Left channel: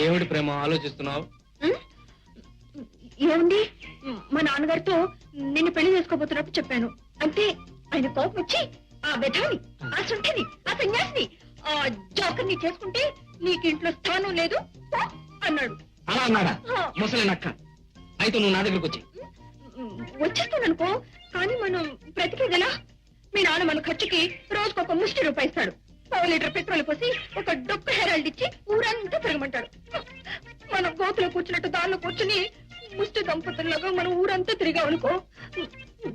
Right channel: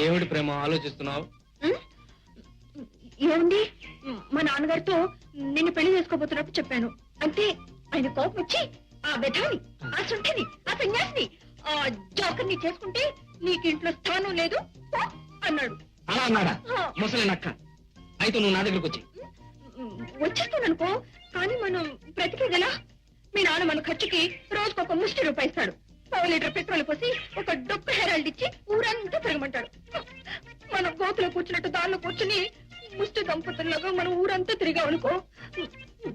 ఏమిటి ప్రేమ ఆలోచిస్తున్నావు? ఏమండి, మా నాన్నగారితో నిన్ను పెళ్లి చేసుకోబోతున్నప్పుడు చెప్పాను. అంటే ఆయన కోపం వచ్చి ఆ విధాని, ఆ సుంఠని, ఆ సన్యాసిని, ఆ జోకర్ని చేసుకుంటే నీకు ఇంట్లో స్థానం లేదు అన్నాడు. అలా అన్నాడా? ముసలి నక్క. అయితే నువ్వు నా దగ్గరకు వచ్చి వచ్చేస్తాననుకో, కానీ మనం బ్రతికేదలా? మీ నాన్న మన ఖర్చుకి రోజుకు ఒక ముష్టి రూపాయి ఇస్తాడు. 1 లీటర్ పెట్రోల్ పోసి ఒక డొక్క హెరాల్డ్ ఇచ్చి ఊరంతా తిరగమంటాడు. మనం గోతులో కూర్చున్నట్టు దారిలో కూర్చుని ముష్టి దంపతుల్లాగా మనం ఊరంతా తిరిగామనుకో,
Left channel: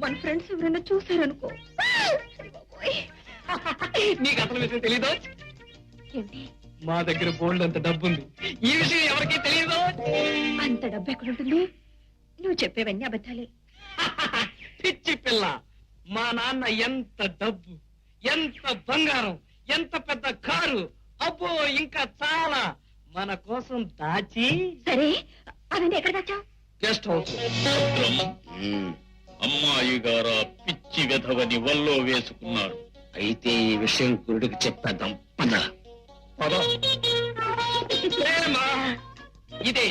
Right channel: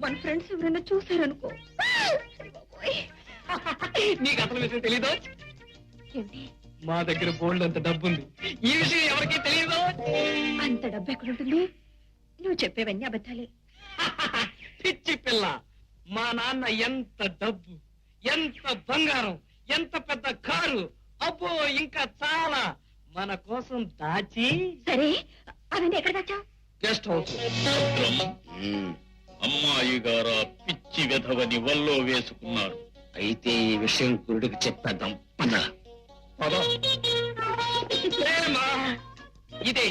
మన ఫ్రెండ్స్ ఎవరైనా చూసారనుకో, నీకు అసలు విషయం తెలీదా? ఏంటి? మా దగ్గర బోల్డ్ అంత డబ్బు ఉంది. ఈ విషయం ఎవరికీ తెలియదు. అంత డబ్బు ఎక్కడుంటుంది? నువ్వు చెప్పేవన్నీ అబద్ధాలే. పిచ్చి పిల్ల, మా నాన్న ఎంత డబ్బు, ఎంత బంగారం, ఎంత పెద్ద కారు, అబ్బో ఇంకా చాలా మన కోసం దాచి. సరే, అవన్నీ ఎక్కడ దాచావు? Guest house. అమ్మాయి గారు పిచ్చి వెధవని వల్లో వేసుకున్నాడు. అయితే ఈ విషయం గురుడికి చెప్పేద్దాం. పద పద. ప్రేమ ఇదే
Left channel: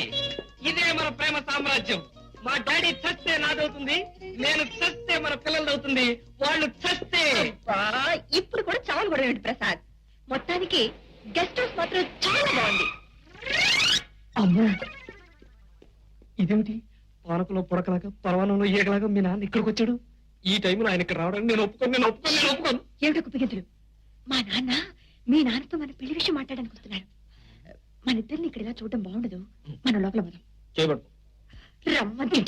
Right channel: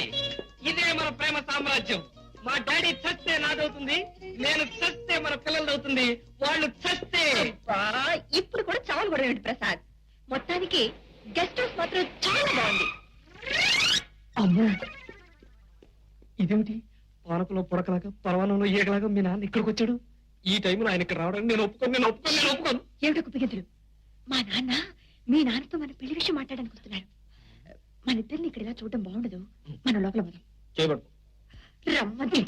ఇదే మన ప్రేమ సామ్రాజ్యం. మా డాడీ చస్తే నాదవుతుంది, నేను చస్తే మన పిల్లలవుతుంది, వాళ్ళు చస్తే. ఇప్పుడు కూడా చాలు పడేయండి ప్రసాద్. మొత్తానికి గెస్ట్ హౌస్ మాత్రం చాలా బాగుంది. అమ్మో, ఇదేమిటి? పానకులో పొడకలాగా పర్వాణంలో ఏగలాగా మీ నాన్న ఇక్కడికి వచ్చాడు. ఈ టైంలో ఆయన ఇక్కడ రావడానికి నేను ఒప్పుకోను. ఏమిటొక పిగెదురు? మా నాన్న మీ నాన్నతో మన పెళ్లి విషయం మాట్లాడడానికి వస్తున్నారు. మన ఇద్దరిని ఇక్కడ ఇలా చూడడం బాగుండదు. మన లోపల పోదాం. చేయబడు. రమ్మంటే